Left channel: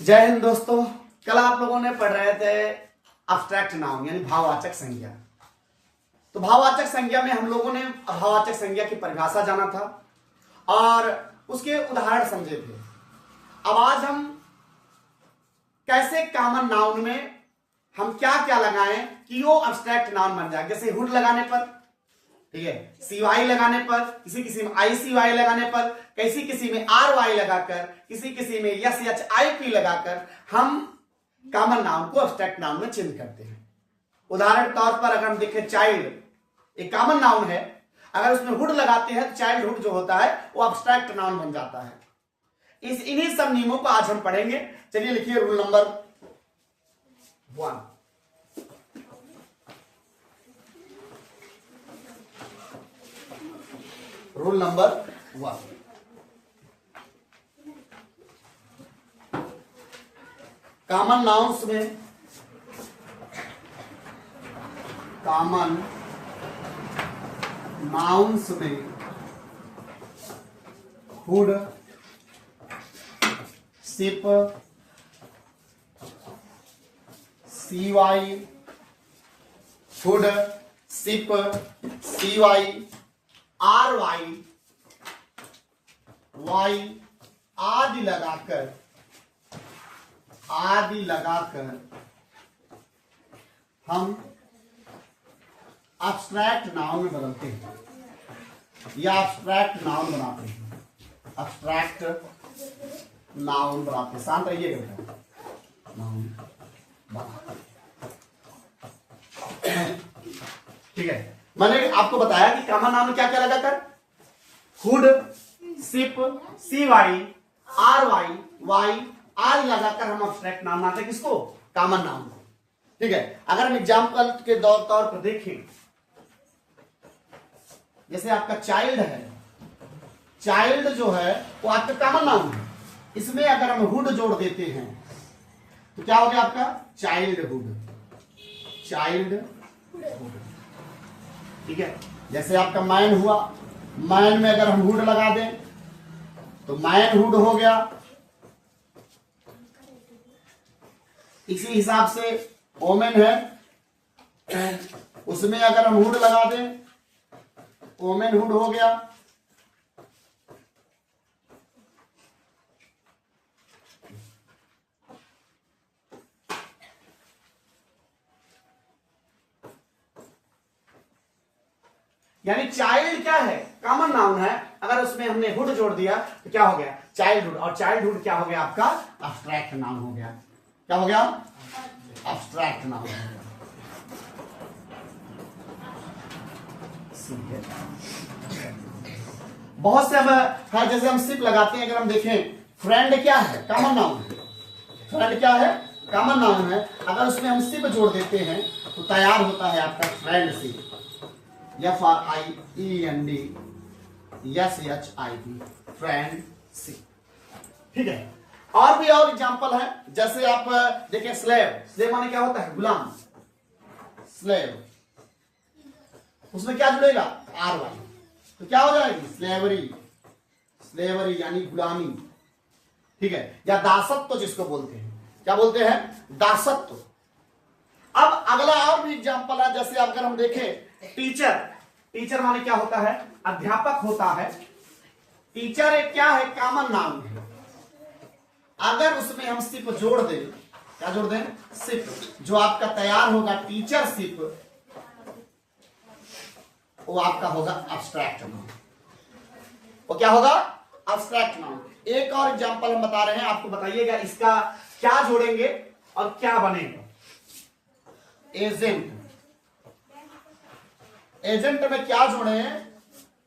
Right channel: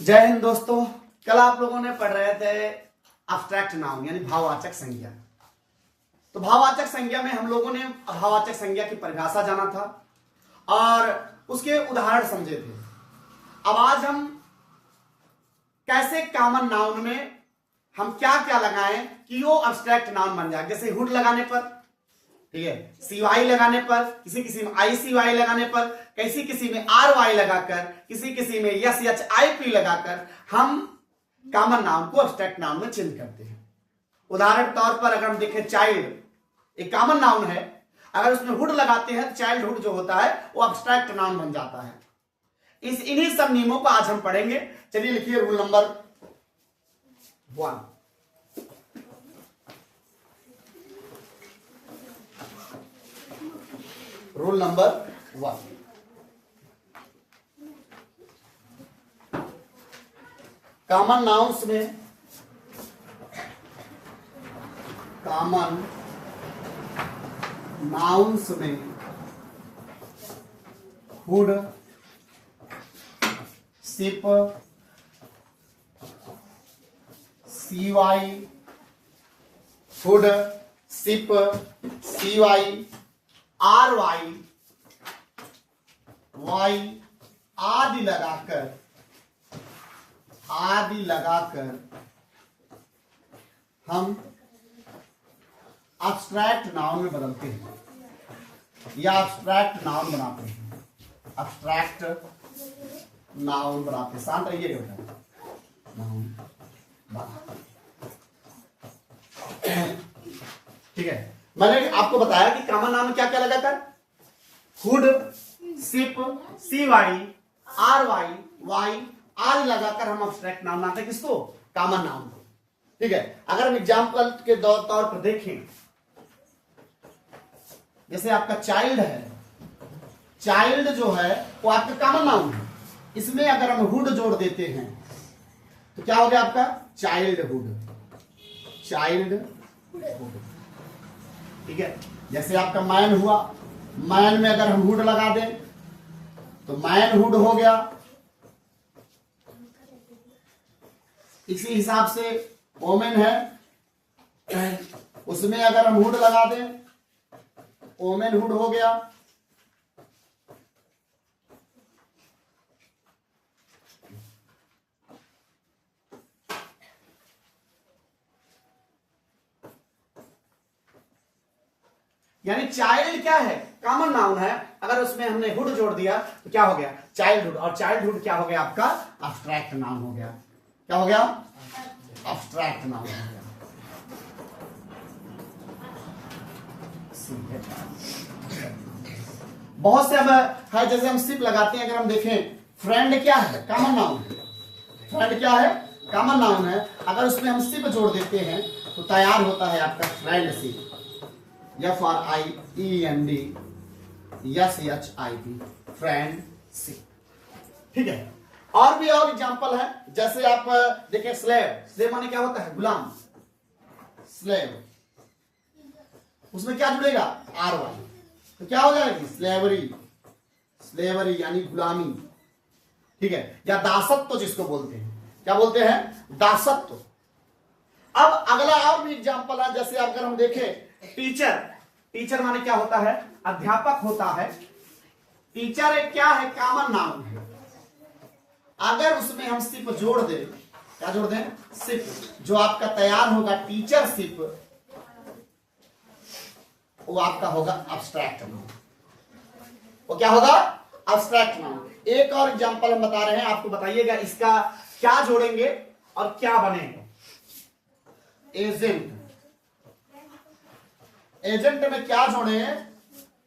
जय हिंद दोस्तों। कल आप लोगों ने पढ़ रहे थे एब्स्ट्रैक्ट नाउन यानी भाववाचक संज्ञा। तो भाववाचक संज्ञा में हम लोगों ने भाववाचक संज्ञा की परिभाषा जाना था और उसके उदाहरण समझे थे। अब आज हम कैसे कॉमन नाउन में हम क्या क्या लगाएं कि वो एब्स्ट्रैक्ट नाउन बन जाए। जैसे हुड लगाने पर, ठीक है, cy लगाने पर, किसी किसी में ICY लगाने पर, किसी किसी में RY लगाकर, किसी किसी में SHIP लगाकर हम कॉमन नाउन को एब्स्ट्रैक्ट नाउन में चेंज करते हैं। उदाहरण तौर पर अगर हम देखें चाइल्ड एक कॉमन नाउन है, अगर उसमें हुड लगाते हैं तो चाइल्डहुड जो होता है वो एब्स्ट्रैक्ट नाउन बन जाता है। इन्हीं सब नियमों को आज हम पढ़ेंगे। चलिए लिखिए rule number 1। Rule number 1, common nouns में hood, SIP, CY, hood, SIP, CY, RY, Y आदि लगाकर हम एब्स्ट्रैक्ट नाउन में बदलते हैं या एब्स्ट्रैक्ट नाउन बनाते हैं। एब्स्ट्रैक्ट नाउन बनाते हैं। शांत रहिएगा बेटा। नाउन ठीक है, मैंने आपको बताया कि कॉमन नाउन में क्या क्या लगाकर हुड, सिप, CY, RY, Y आदि लगाकर हम एब्स्ट्रैक्ट नाउन बनाते हैं। किसको? कॉमन नाउन को। ठीक है, अगर हम एग्जाम्पल के तौर पर देखें, जैसे आपका चाइल्ड है, चाइल्ड जो है वो आपका कॉमन नाउन है। इसमें अगर हम हुड जोड़ देते हैं तो क्या हो गया आपका? चाइल्डहुड। ठीक है, जैसे आपका मैन हुआ, मैन में अगर हम हुड लगा दें तो मैनहुड हो गया। इसी हिसाब से ओमेन है, उसमें अगर हम हुड लगा दें ओमेनहुड हो गया। यानी चाइल्ड क्या है? कॉमन नाउन है। अगर उसमें हमने हुड जोड़ दिया तो क्या हो गया? चाइल्डहुड। और चाइल्डहुड क्या हो गया आपका? एब्स्ट्रैक्ट नाउन हो गया। क्या हो गया? एब्स्ट्रैक्ट नाउन हो गया। बहुत से अब है, जैसे हम सिप लगाते हैं, अगर हम देखें फ्रेंड क्या है? कॉमन नाउन है। फ्रेंड क्या है? कॉमन नाउन है। अगर उसमें हम सिप जोड़ देते हैं तो तैयार होता है आपका फ्रेंडशिप। FRIEND SHIP, friendship. ठीक है, और भी और एग्जांपल है। जैसे आप देखिए स्लेव माने क्या होता है? गुलाम। स्लेव, उसमें क्या जुड़ेगा? RY, तो क्या हो जाएगी? स्लेवरी यानी गुलामी। ठीक है, या दासत्व जिसको बोलते हैं। क्या बोलते हैं? दासत्व। अब अगला और भी एग्जांपल है। जैसे अगर हम देखें टीचर माने क्या होता है? अध्यापक होता है। टीचर एक क्या है? कॉमन नाउन है। अगर उसमें हम सिप जोड़ दें, क्या जोड़ दें? सिप, जो आपका तैयार होगा टीचरशिप, वो आपका होगा एब्स्ट्रैक्ट नाउन। वो क्या होगा? Abstract noun. एक और एग्जांपल हम बता रहे हैं, आपको बताइएगा इसका क्या जोड़ेंगे और क्या बनेगा। एजेंट में क्या जोड़े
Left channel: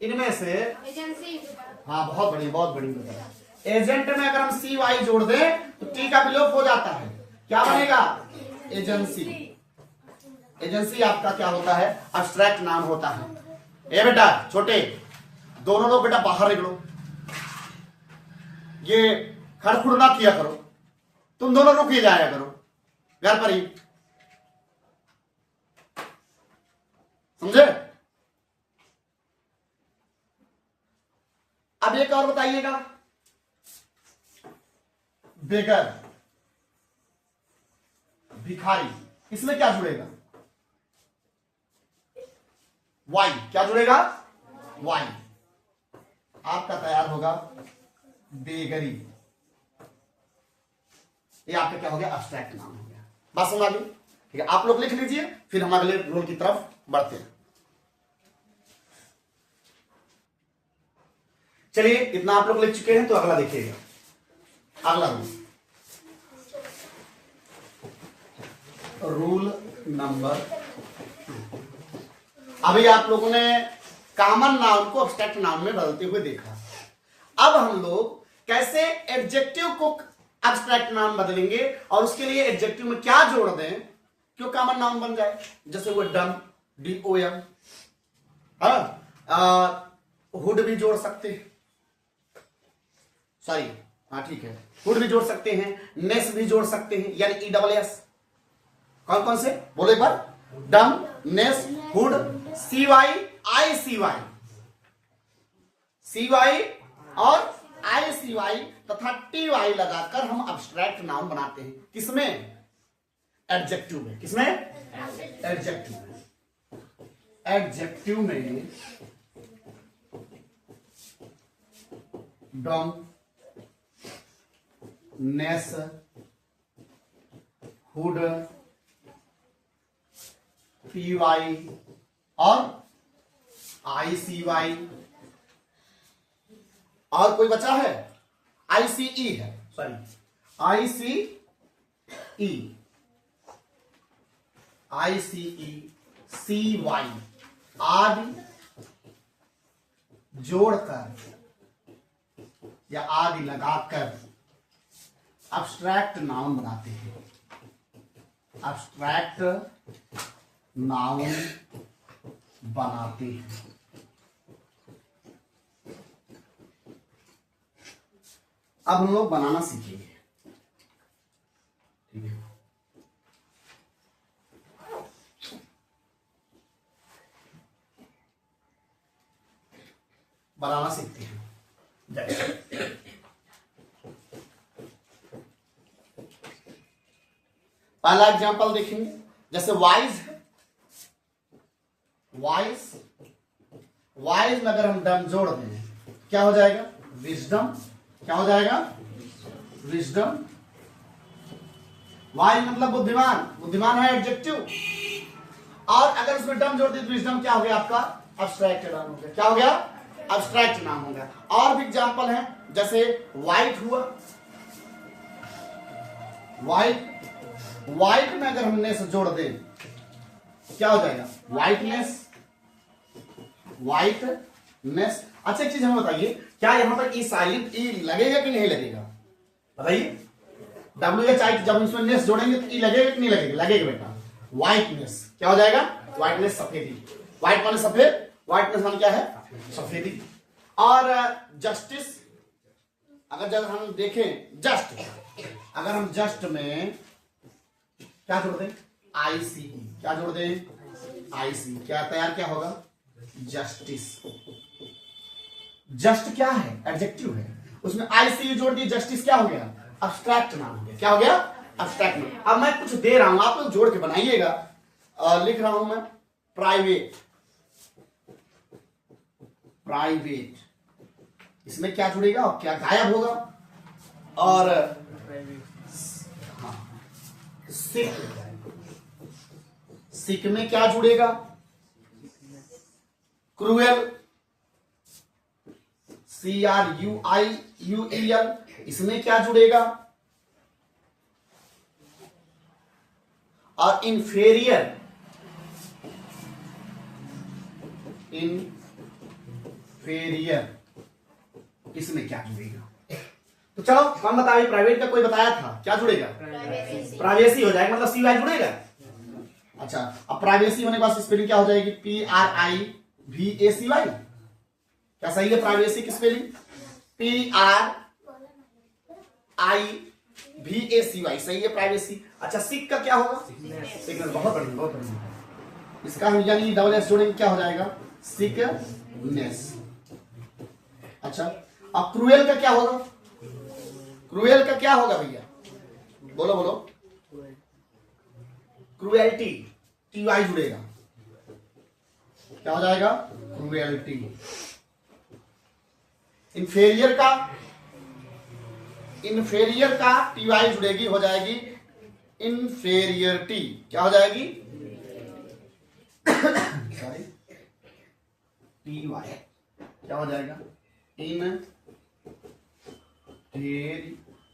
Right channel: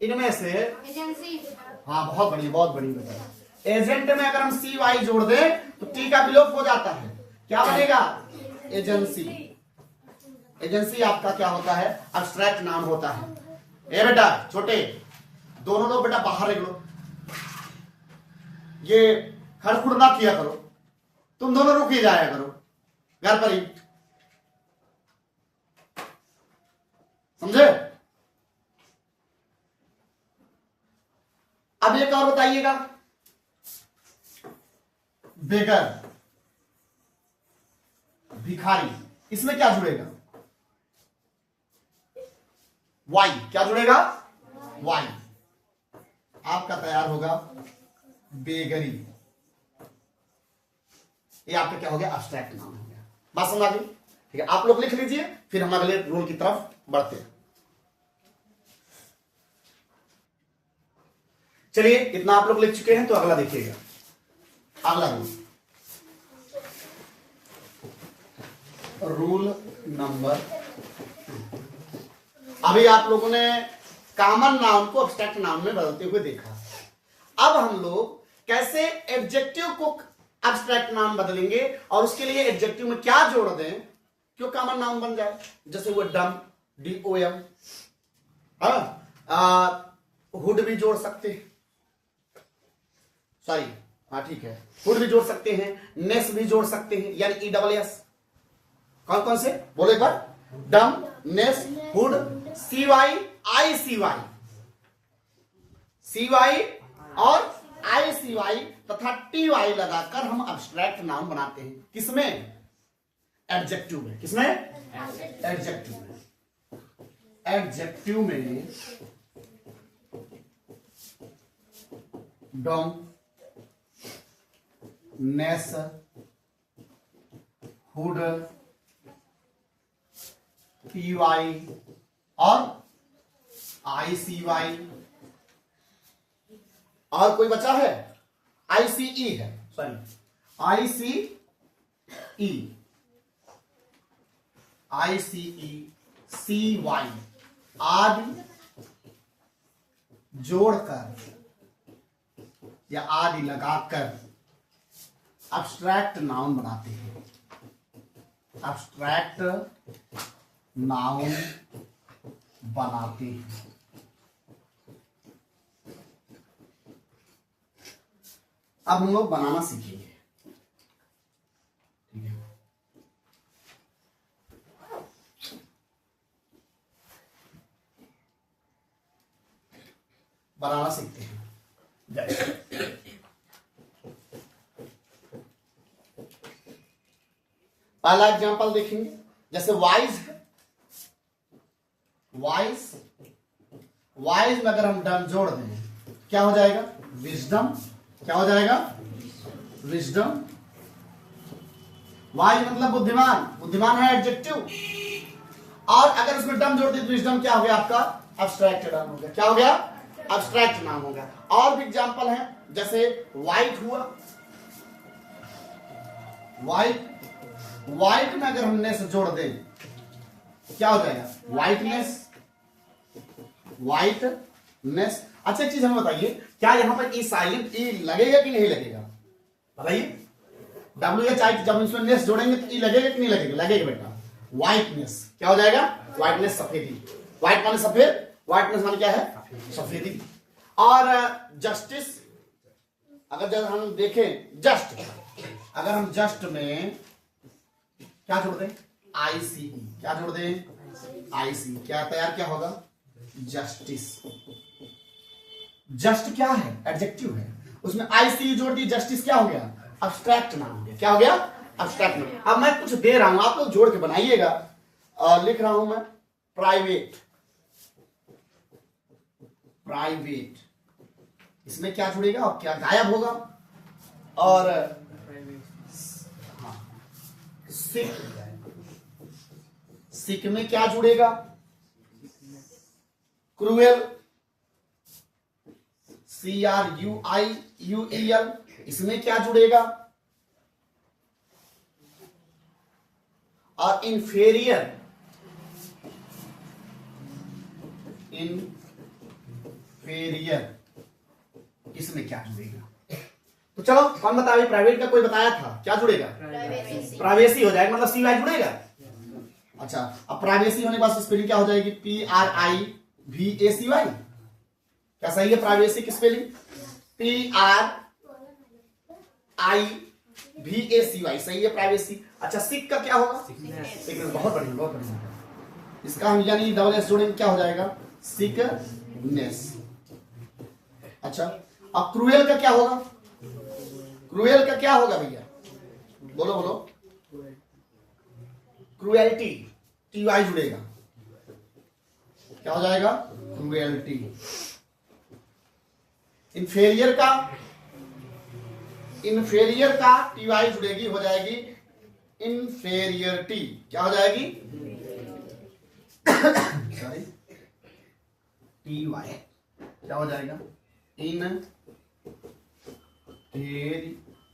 इनमें से? एजेंसी। हाँ, बहुत बढ़िया। एजेंट में अगर हम CY जोड़ दें तो T का विलोप हो जाता है। क्या बनेगा? एजेंसी। एजेंसी आपका क्या होता है? एब्स्ट्रैक्ट नाउन होता है। ए बेटा छोटे, दोनों लोग बेटा बाहर निकलो, ये खड़खुड़ ना किया करो, तुम दोनों रुक ही जाया करो घर पर ही, समझे? अब एक और बताइएगा, बेगर। भिखारी, इसमें क्या जुड़ेगा? वाई, क्या जुड़ेगा? वाई। आपका तैयार होगा बेगरी, ये आपका क्या हो गया? एब्स्ट्रैक्ट नाउन हो गया। बात समझ आ गई? ठीक है, आप लोग लिख लीजिए, फिर हम अगले रूल की तरफ बढ़ते हैं। चलिए, इतना आप लोग लिख चुके हैं, तो अगला देखिएगा। अगला रूल नंबर 2। अभी आप लोगों ने कॉमन नाउन को एब्स्ट्रैक्ट नाउन में बदलते हुए देखा। अब हम लोग कैसे एडजेक्टिव को एब्स्ट्रैक्ट नाउन बदलेंगे और उसके लिए एडजेक्टिव में क्या जोड़ दें क्यों कॉमन नाउन बन जाए। जैसे वो डम, DOM, हुड भी जोड़ सकते हैं, सॉरी हाँ ठीक है, हुड भी जोड़ सकते हैं, नेस भी जोड़ सकते हैं, यानी ESS। कौन कौन से बोलो एक बार? डम, नेस, हुड, CY और ICY तथा TY लगाकर हम एब्स्ट्रैक्ट नाउन बनाते हैं। किसमें? एडजेक्टिव में। किसमें? एडजेक्टिव में। एडजेक्टिव में डम, नेस, हुड, PY और ICY, और कोई बचा है? ICE है, सॉरी ICE, CY आदि जोड़कर या आदि लगाकर एब्स्ट्रैक्ट नाउन बनाते हैं। एब्स्ट्रैक्ट नाउन बनाते हैं। अब हम लोग बनाना सीखेंगे, ठीक है? बनाना सीखते हैं। पहला एग्जांपल देखेंगे, जैसे वाइज है, वाइज में अगर हम डम जोड़ दें क्या हो जाएगा? विजडम। क्या हो जाएगा? विजडम। वाइज मतलब बुद्धिमान, बुद्धिमान है एडजेक्टिव, और अगर उसमें डम जोड़ दें तो विजडम क्या हो गया? आपका एब्स्ट्रैक्ट नाउन हो गया। क्या हो गया? एब्स्ट्रैक्ट नाउन हो गया। और भी एग्जांपल है, जैसे वाइट हुआ, वाइट में अगर हमने से जोड़ दें क्या हो जाएगा? वाइटनेस। अच्छा एक चीज हमें बताइए, क्या यहां पर ई साइलेंट ई लगेगा कि नहीं लगेगा? बताइए। WHI जब इसमें नेस जोड़ेंगे तो ई लगेगा कि नहीं लगेगा? लगेगा बेटा। वाइटनेस क्या हो जाएगा? वाइटनेस सफेदी। वाइट माने सफेद, वाइटनेस माने क्या है? सफेदी। और जस्टिस, अगर हम देखें जस्ट, अगर हम जस्ट में क्या जोड़ दें? ICE। क्या जोड़ दें? IC। क्या तैयार क्या होगा? जस्टिस। जस्ट क्या है? एडजेक्टिव है, उसमें ICE जोड़ दी, जस्टिस क्या हो गया? एब्स्ट्रैक्ट नाउन हो गया। क्या हो गया? Abstract noun. अब मैं कुछ दे रहा हूं, आप लोग जोड़ के बनाइएगा। लिख रहा हूं मैं प्राइवेट, इसमें क्या जुड़ेगा और क्या गायब होगा? और सिक में क्या जुड़ेगा? क्रूएल, CRUIUEL, इसमें क्या जुड़ेगा? और इंफेरियर, इसमें क्या जुड़ेगा? तो चलो कौन बताइए, प्राइवेट का कोई बताया था, क्या जुड़ेगा? प्राइवेसी हो जाएगा, मतलब CY जुड़ेगा। अच्छा, अब प्राइवेसी होने के बाद स्पेलिंग क्या हो जाएगी? PRIVACY। क्या सही है प्राइवेसी की स्पेलिंग? PRIVACY सही है प्राइवेसी। अच्छा, सिक का क्या होगा? सिकनेस। बहुत बढ़िया, बहुत बढ़िया। इसका हम यानी डबल S जोड़ेंगे, क्या हो जाएगा? सिकनेस। अच्छा, अब क्रूएल का क्या होगा? क्रूएल का क्या होगा भैया? बोलो बोलो। क्रुएल्टी, टी वाई जुड़ेगा, क्या हो जाएगा? क्रुएल्टी। इन्फेरियर का टी वाई जुड़ेगी, हो जाएगी इन्फेरियरिटी। क्या हो जाएगी? सॉरी, टी वाई क्या हो जाएगा? इन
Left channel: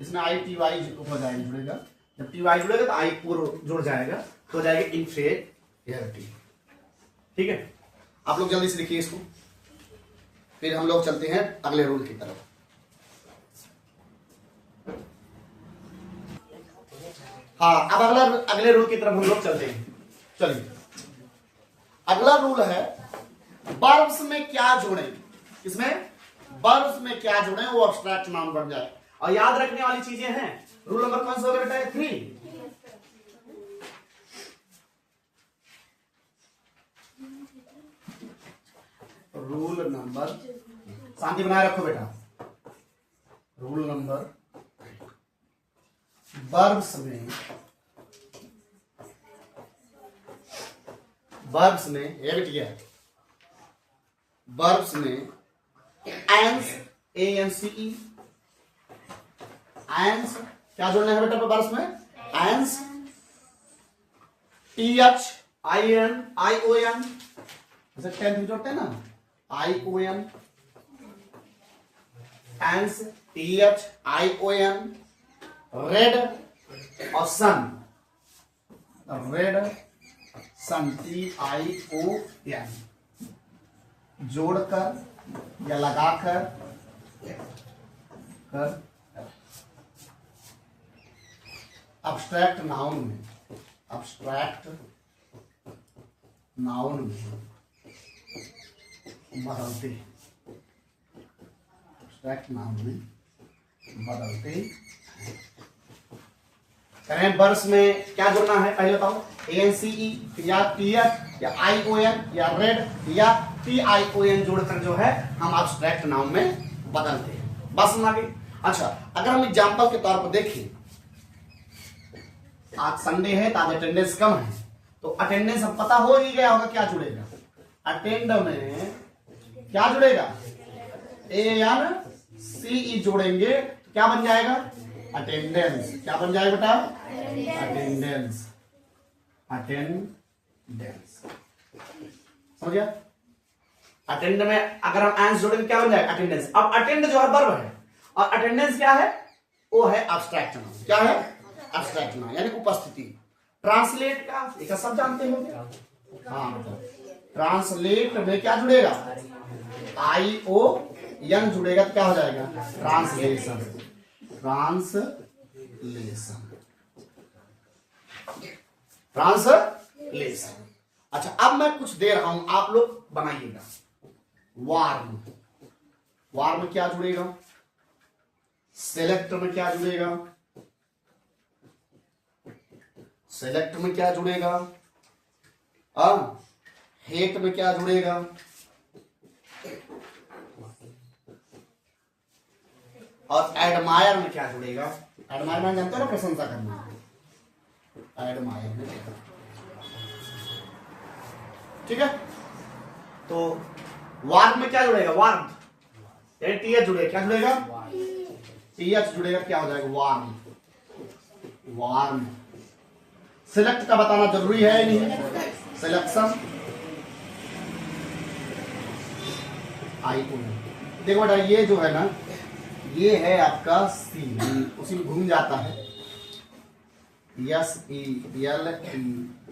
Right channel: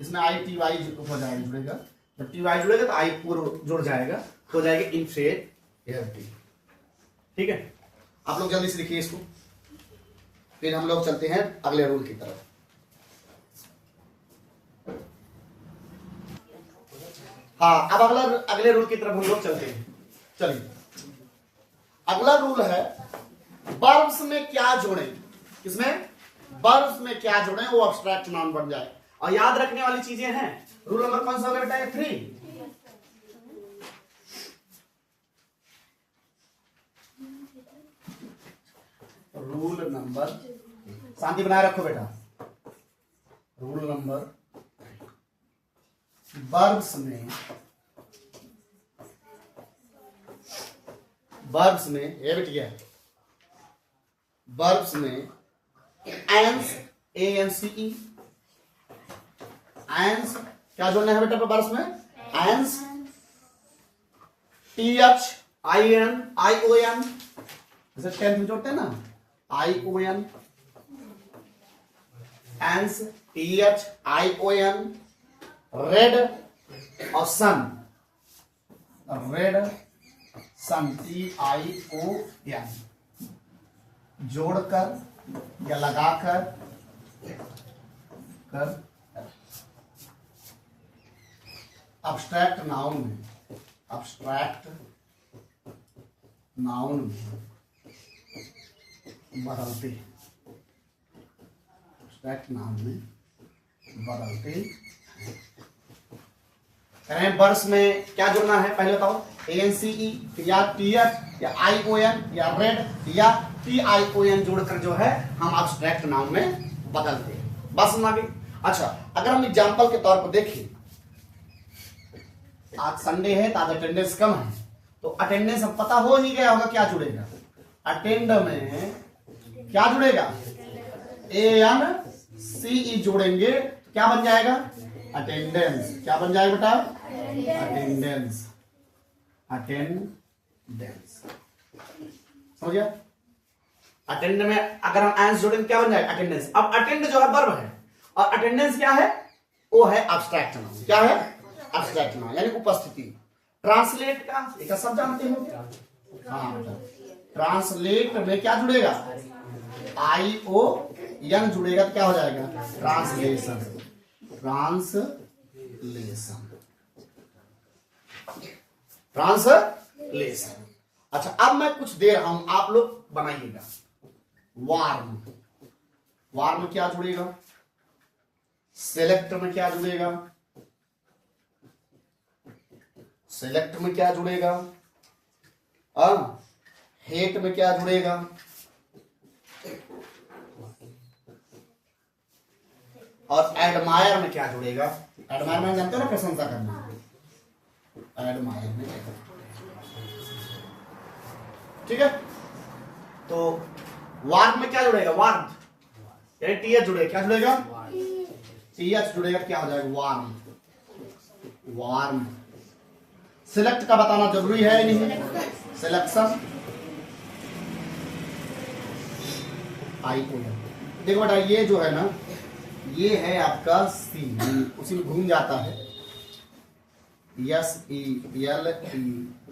इसमें आई टी वाई हो जाएगा, जुड़ेगा। जब टी वाई जुड़ेगा तो आई पूर्व जुड़ जाएगा, हो जाएगा इन्फेरियरिटी। ठीक है, आप लोग जल्दी से लिखिए इसको, फिर हम लोग चलते हैं अगले रूल की तरफ। हाँ, अब अगले रूल की तरफ हम लोग चलते हैं। चलिए, अगला रूल है वर्ब्स में क्या जोड़ें। इसमें वर्ब्स में क्या जोड़ें वो एब्स्ट्रैक्ट नाउन बन जाए। और याद रखने वाली चीजें हैं। रूल नंबर कौन सा होगा बेटा? 3। रूल नंबर, शांति बनाए रखो बेटा। रूल नंबर, वर्ब्स में ये बेटिया, वर्ब्स में एंस, ANCE, एंस क्या जोड़ना है बेटा? वर्ब्स में एंस, TH, ION, जैसे 10 में जोड़ते हैं ना, ION, एंस, TH, ION, रेड और सन, रेड सन, TION, जोड़कर या लगाकर कर एब्स्ट्रैक्ट नाउन में, एब्स्ट्रैक्ट नाउन में बदलते, एब्स्ट्रैक्ट नाउन में बदलते करें। वर्ब्स में क्या जोड़ना है पहले बताओ? ANCE या TH या ION या रेड या TION जोड़कर जो है हम एब्स्ट्रैक्ट नाउन में बदलते हैं। बस समझ आ गई? अच्छा, अगर हम एग्जांपल के तौर पर देखें, आज संडे है तो आज अटेंडेंस कम है, तो अटेंडेंस हम पता हो ही गया होगा क्या जुड़ेगा? अटेंड में क्या जुड़ेगा? ANCE जोड़ेंगे तो क्या बन जाएगा? अटेंडेंस। क्या बन जाएगा बेटा? Attendance, attendance. समझ गया? अटेंड में अगर हम एंस जोड़ेंगे क्या बन जाएगा? अटेंडेंस। अब अटेंड जो है वर्ब है और अटेंडेंस क्या है? वो है एब्स्ट्रैक्ट नाउन। क्या है? एब्स्ट्रैक्ट नाउन यानी उपस्थिति। ट्रांसलेट का एक सब जानते हो क्या? हाँ, ट्रांसलेट में क्या जुड़ेगा? ION जुड़ेगा तो क्या हो जाएगा? Translation, translation, translation. अच्छा, अब मैं कुछ दे रहा हूं, आप लोग बनाइएगा। वार्म, वार्म में क्या जुड़ेगा? सेलेक्ट में क्या जुड़ेगा? सेलेक्ट में क्या जुड़ेगा? हेट में क्या जुड़ेगा? और एडमायर में क्या जुड़ेगा? एडमायर में जानते हो ना, प्रशंसा करना। एडमायर में क्या? ठीक है, तो वार्म में क्या जुड़ेगा? वार्म, TH जुड़ेगा। क्या जुड़ेगा? TH जुड़ेगा, क्या हो जाएगा? Warm, warm. सिलेक्ट का बताना जरूरी है नहीं? Selection, ION। देखो बेटा, ये जो है ना, ये है आपका C, उसी में घूम जाता है।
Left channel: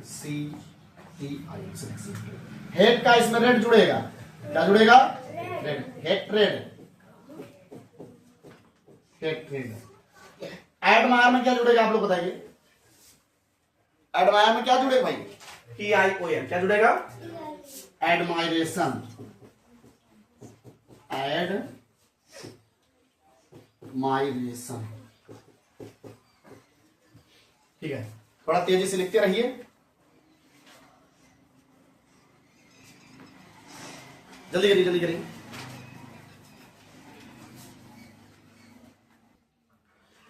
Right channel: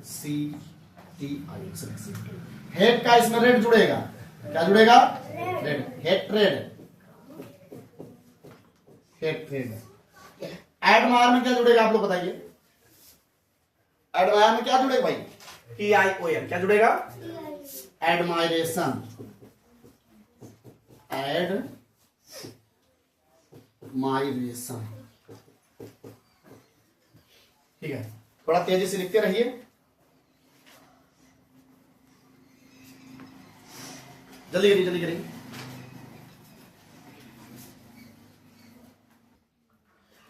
SELECTI। हेड का इसमें रेड जुड़ेगा। क्या जुड़ेगा? Red, hatred, hatred. एडमायर में क्या जुड़ेगा? आप लोग बताइए। एडमायर में क्या जुड़ेगा भाई? TION। क्या जुड़ेगा? Admiration, admiration. ठीक है, थोड़ा तेजी से लिखते रहिए। जल्दी करिए, जल्दी करिए।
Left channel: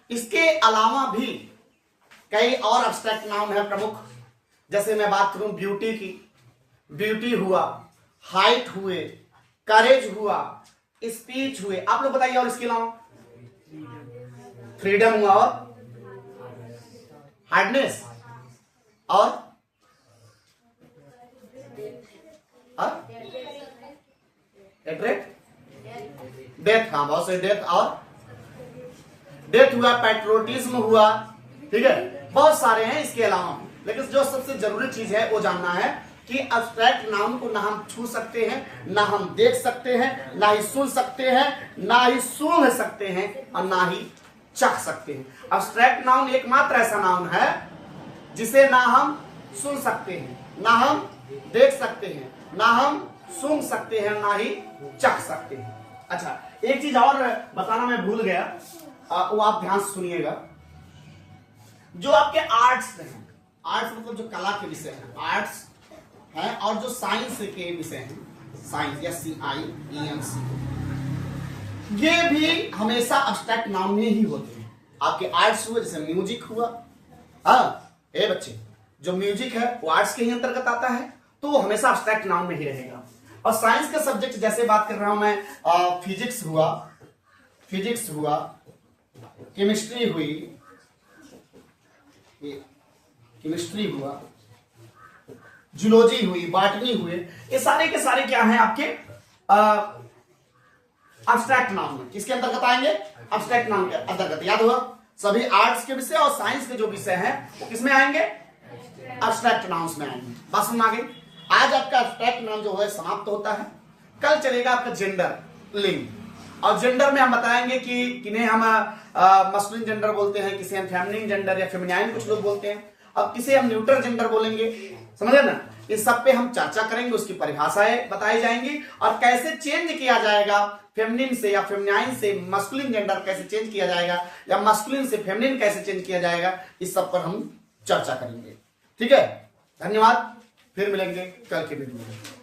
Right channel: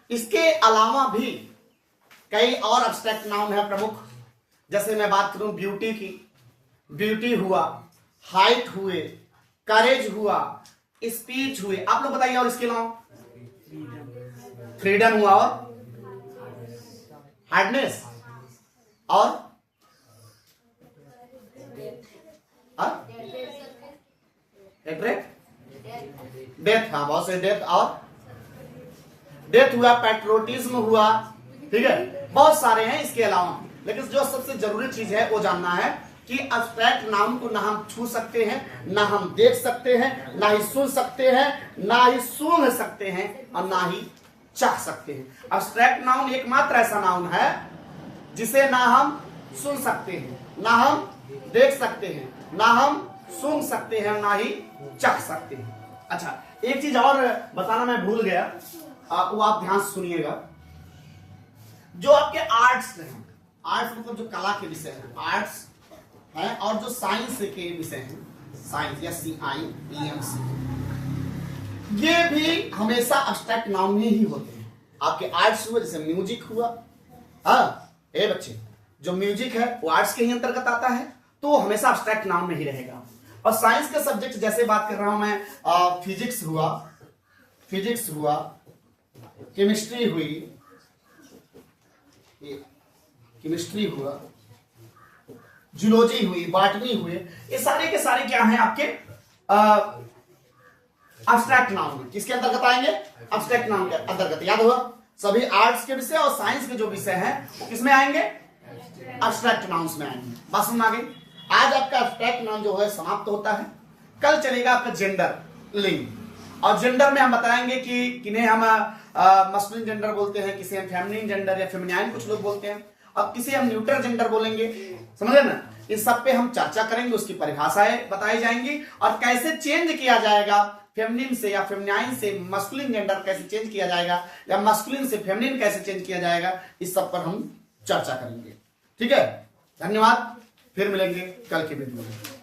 इसके अलावा भी कई और एब्स्ट्रैक्ट नाउन है प्रमुख, जैसे मैं बात करूं ब्यूटी की, ब्यूटी हुआ, हाइट हुए, करेज हुआ, स्पीच हुए, आप लोग बताइए। और इसके अलावा फ्रीडम हुआ, और हार्डनेस, और डेथ, हाँ बहुत से डेथ, और डेथ हुआ, पैट्रोटिज्म हुआ, ठीक है, बहुत सारे हैं इसके अलावा। लेकिन जो सबसे जरूरी चीज है वो जानना है कि एब्स्ट्रैक्ट नाउन को ना हम छू सकते हैं, ना हम देख सकते हैं, ना ही सुन सकते हैं, ना ही सूंघ सकते हैं, और ना ही चख सकते हैं। एब्स्ट्रैक्ट नाउन एकमात्र ऐसा नाउन है जिसे ना हम सुन सकते हैं, ना हम देख सकते हैं, ना हम सूंघ सकते हैं, ना ही चख सकते हैं। अच्छा, एक चीज और बताना मैं भूल गया, वो आप ध्यान से सुनिएगा। जो आपके आर्ट्स हैं, आर्ट्स मतलब जो कला के विषय हैं, आर्ट्स हैं, और जो साइंस के विषय हैं, साइंस या SCIENC, ये भी हमेशा एब्स्ट्रैक्ट नाउन में ही होते हैं। आपके आर्ट्स हुए, जैसे म्यूजिक हुआ, ए बच्चे, जो म्यूजिक है वो आर्ट्स के ही अंतर्गत आता है, तो वो हमेशा एब्स्ट्रैक्ट नाउन में ही रहेगा। और साइंस का सब्जेक्ट जैसे बात कर रहा हूं मैं, फिजिक्स हुआ, केमिस्ट्री हुई, केमिस्ट्री हुआ, जूलॉजी हुई, बॉटनी हुए, ये सारे के सारे क्या हैं आपके एब्स्ट्रैक्ट नाउन में। किसके अंतर्गत आएंगे? एब्स्ट्रैक्ट नाउन के अंतर्गत। याद हुआ, सभी आर्ट्स के विषय और साइंस के जो विषय हैं वो किसमें आएंगे? एब्स्ट्रैक्ट नाउन्स में आएंगे। बात समझ आ गई? आज आपका एब्स्ट्रैक्ट नाउन जो है समाप्त होता है। कल चलेगा आपका जेंडर, लिंग। और जेंडर में हम बताएंगे कि किन्हें हम मस्कुलिन जेंडर बोलते हैं, किसे हम फेमिनिन जेंडर या फेमिनाइन कुछ लोग बोलते हैं, अब किसे हम न्यूट्रल जेंडर बोलेंगे। समझे ना? इस सब पे हम चर्चा करेंगे, उसकी परिभाषाएं बताई जाएंगी और कैसे चेंज किया जाएगा फेमिनिन से या फेमिनाइन से मस्कुलिन जेंडर कैसे चेंज किया जाएगा, या मस्कुलिन से फेमिनिन कैसे चेंज किया जाएगा, इस सब पर हम चर्चा करेंगे। ठीक है, धन्यवाद। फिर मिलेंगे कल के वीडियो में।